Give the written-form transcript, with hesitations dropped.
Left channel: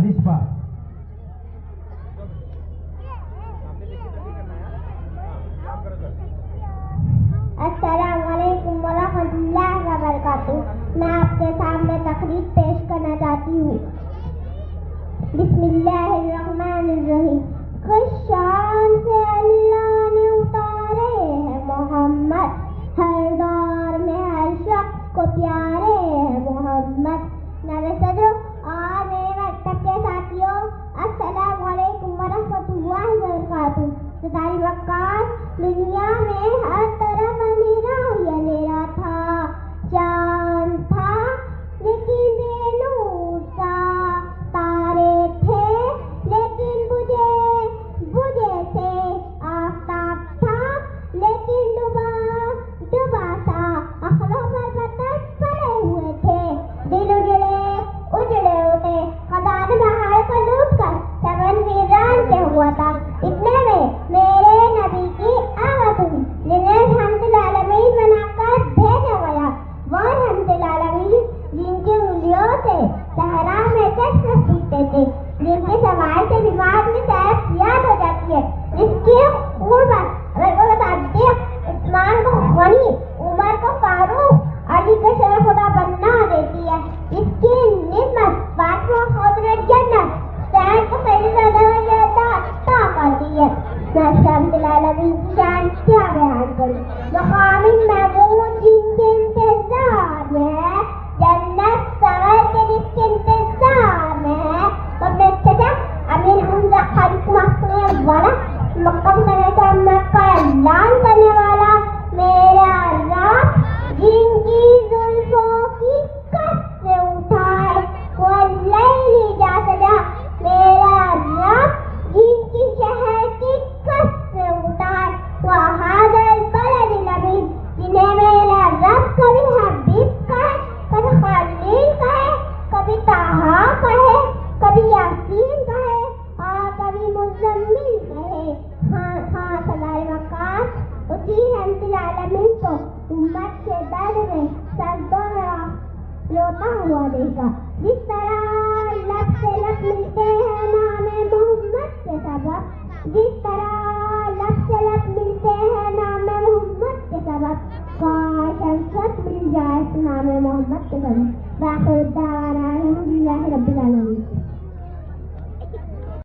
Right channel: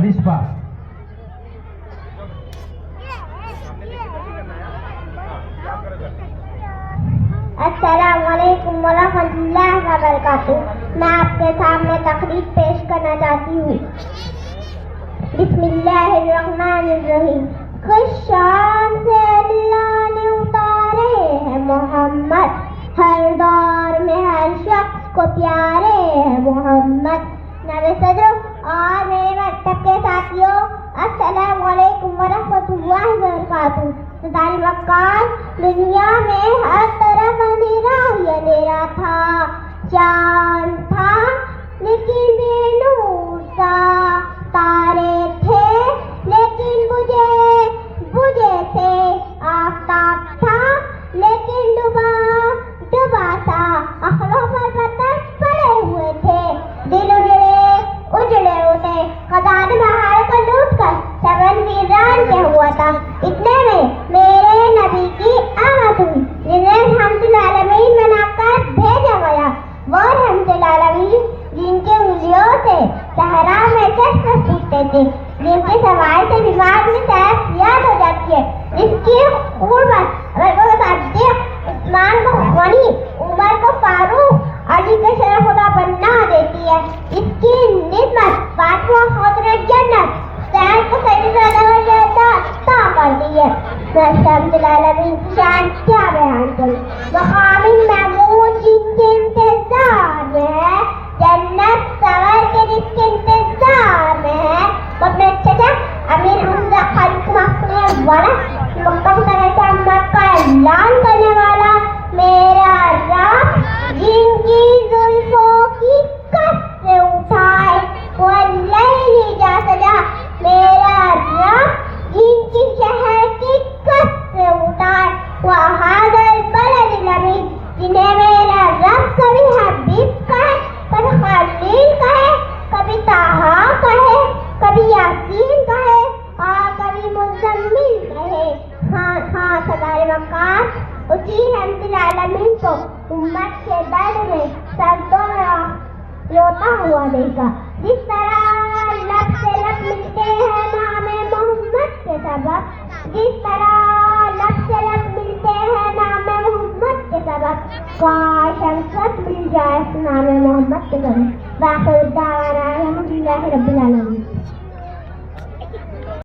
अलिशा। अस्सलामुअलैकुम वरहमतुल्लाहि वबरकातुहू। मैं आपके सामने तकरीर पेश करना चाहती हूँ। बिस्मिल्लाहिर्रहमानिर्रहीम। खुश शाम से अल्लाह ने उतारे हैं मोहम्मद, हर दौर में हर शख्स को प्यारे हैं मोहम्मद। नबी सदर और मेरे मकतब के साथियों, अस्सलामुअलैकुम वरहमतुल्लाहि वबरकातुहू। तारी मक्कार, दुनिया में हर तरफ अंधेरा ही अंधेरा था, चांद था लेकिन बेनूर सा, तारे थे लेकिन बुझे थे, आफताब था लेकिन डूबा सा, अखरों पर पत्थर पड़े हुए थे, दिल उजड़े होते, खदा ने बहार को लूट कर चमन वीरान किया हुआ था। इतने में मेरे नबी की आवाज़ हुई, जिन्हें रहमतुल आलमीन बनाकर भेजा गया। वो रहमतुल आलमीन जिनकी उंगलियों से सहरा में चश्मे फूटते थे, जिनकी सवाई से दिमाग में याद हो जाती है, जिसकी उम्र उस्मान को गनी, उमर को फारूक, अली के शेर खुदा बनना देती है। इसकी निस्बत फातिमा खौतुन जन्नत सैयद को सैयदा करती है। रहमतुल आलमीन शान क्या बयान करूं, मकामी महमूद जिनके इंतजार में है, जन्नत सवर के जिसके इंतजार में है, वो अपने चचा अमीर हमजा खालिद मखदूम वाला मुकद्दर अहमद का ऐलान करने वाला मेरा रब, जिनकी जुल्फों की कस से उठाए वो लैली जा सजा, मेरा रब जिनकी शहर की कस से उठाए वो हादल बलद नबी, जिन्हें मेरा रब कभी हबीब कहे, कभी खलील कहे, कभी ताहा कहे, कभी यासीन कहे और कभी मुज़म्मिल कहे। हाँ सदारे मकार उसी रहमतुल आलमीन को उम्मत के दर्द में सर्दों में रोता हुआ देखा। जिस तरह लब से लब मिलते हैं नामे मोहम्मद के सबब, जिस तरह लब से लब मिलते हैं नामे मोहम्मद के सबब, काश हम सब मिल जाए नामे मोहम्मद के सबब। वाखिर दावाना अल्हम्दुलिल्लाहि रब्बिल आलमीन।